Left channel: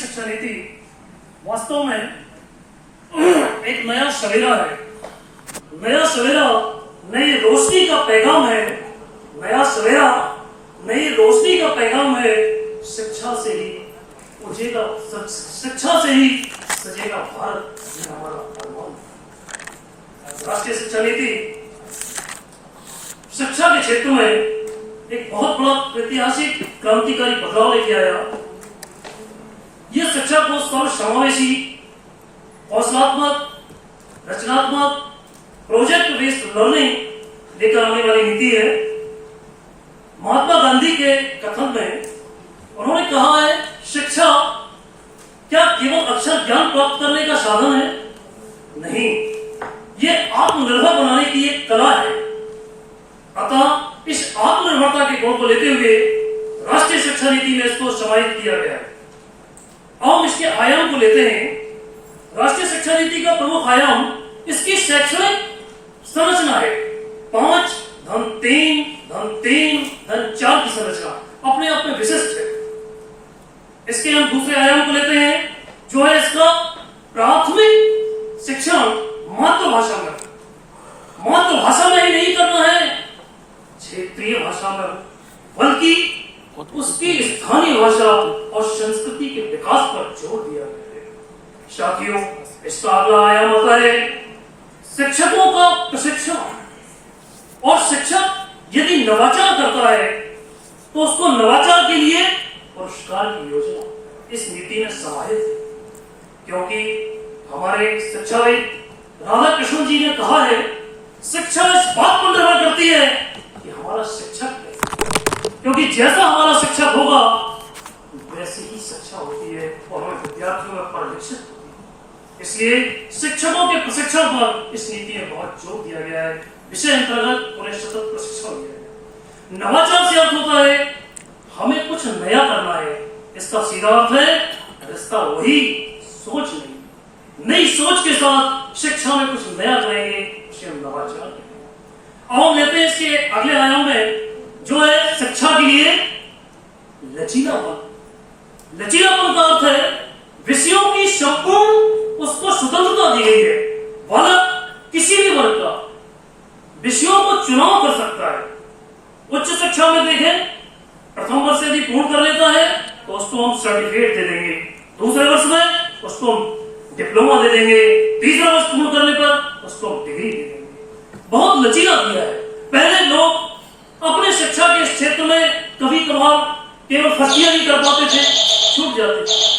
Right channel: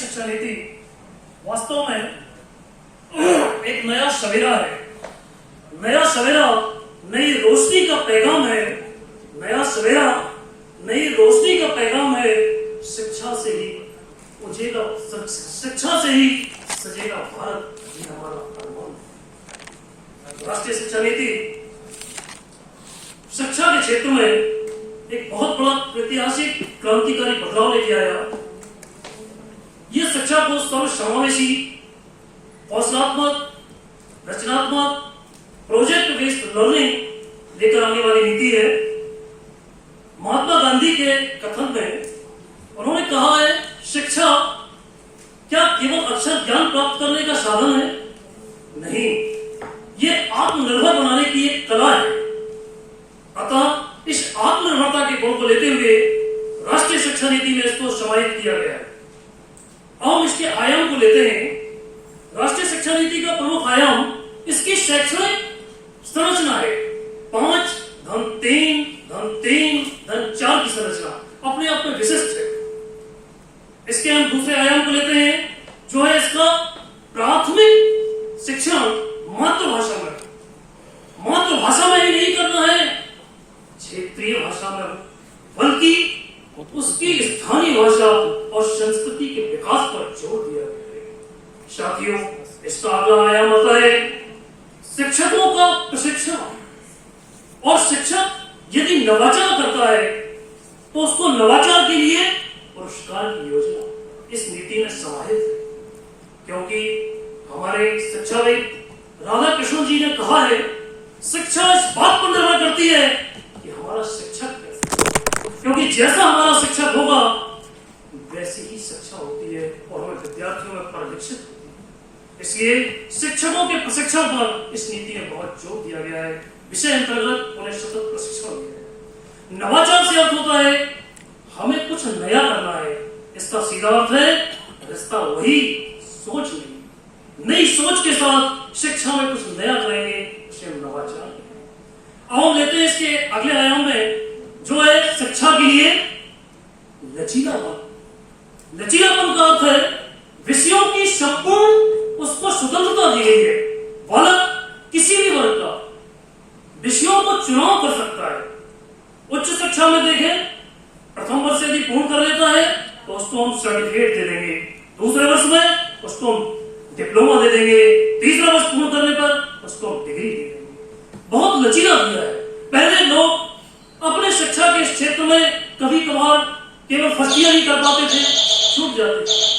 शिक्षा नीति वास्तव में एक नया सवेरा है। नया सवेरा नई रोशनी का पैगाम है। नया सवेरा नई रोशनी का पैगाम है। शिक्षा से ही उठेगा, शिक्षा से ही सजेगा भारत, ये हमारा अरमान है। राष्ट्रीय शिक्षा नीति शिक्षा के क्षेत्र में एक बहुत बड़ा ऐतिहासिक क्रांतिकारी बदलाव लेके आया। यह शिक्षा को सर्वसमावेशी, कौशलात्मक, रचनात्मक, प्रोजेक्ट बेस्ड लर्निंग लेकर आने वाली नीति है। महात्मा गांधी के कथन में उन्होंने कहा है, शिक्षा क्या केवल अक्षर ज्ञान प्राप्त करने का साधन है? नहीं, यह आत्मनिर्भर बनाने की एक कला है। अतः इस आत्मनिर्भरता के गुण को लेते हुए राष्ट्रीय शिक्षा नीति में इसको समाहित किया गया है। हम इसके आयाम को लेते हैं। राष्ट्रीय शिक्षा नीति का प्रमुख आयाम इसकी शैक्षणिक संरचना है। 5 धन 3 धन 3 धन 4 की संरचना अपने आप में विशिष्ट है। इसके हम दूसरे आयाम को लेते हैं, जो है इसका प्राथमिक शिक्षण मातृभाषा में। मातृभाषा में ही नहीं करना है क्षेत्रीय भाषा में, बल्कि उसकी स्थानीय भाषा और संस्कृति के विकास पर जोर दिया गया है। साथियों, इसका अगला आयाम होता है शिक्षकों का प्रशिक्षण। और शिक्षक यदि नवाचार करता है तो उसको नवाचार के लिए पुरस्कार की योजना इस नीति में समाहित है। क्योंकि हमारे शिक्षाविद राधा कृष्ण जी ने कहा है, शिक्षा इस बात पर निर्भर करती है कि हमारा शिक्षक है। क्योंकि जैसा हमारा शिक्षक होगा वैसी ही शिक्षा होती है और हमें विद्यार्थियों में परिलक्षित होती है। इसलिए शिक्षकों के प्रशिक्षण पर इस नीति में बहुत जोर दिया गया है। विषय अंतर्गत उन्हें सतत प्रशिक्षण दिया है। नवाचार से अर्थ होता है हमें कुछ नया करना है। इसका सीधा अर्थ है रिश्ता वही, सोच नहीं। नई सोच के साथ शिक्षा में कुछ नया करेंगे, उसे हम नवाचार करेंगे। अब हम लेते हैं इसके अगले आयाम में, जो है शिक्षा के लिए लचीलापन। लचीलापन का अर्थ है विषयों की संपूर्ण उसको स्वतंत्रता दी गई है। बालक किसी भी वर्ग का विषयों को चुनाव कर सकता है। उच्च शिक्षा में देखें, प्रथम वर्ष यदि पूर्ण कर लेता है तो उसको हम सर्टिफिकेट दे देंगे। दूसरे वर्ष में उसको हम डिप्लोमा दे देंगे। तीसरा वर्ष पूर्ण करने पर उसको हम डिग्री दे देंगे। बहुत लचीला दिया है। पहले लोग अपने शिक्षा के क्षेत्र में कभी कभार केवल फर्स्ट ईयर ही कर पाते थे, छूट जाते थे।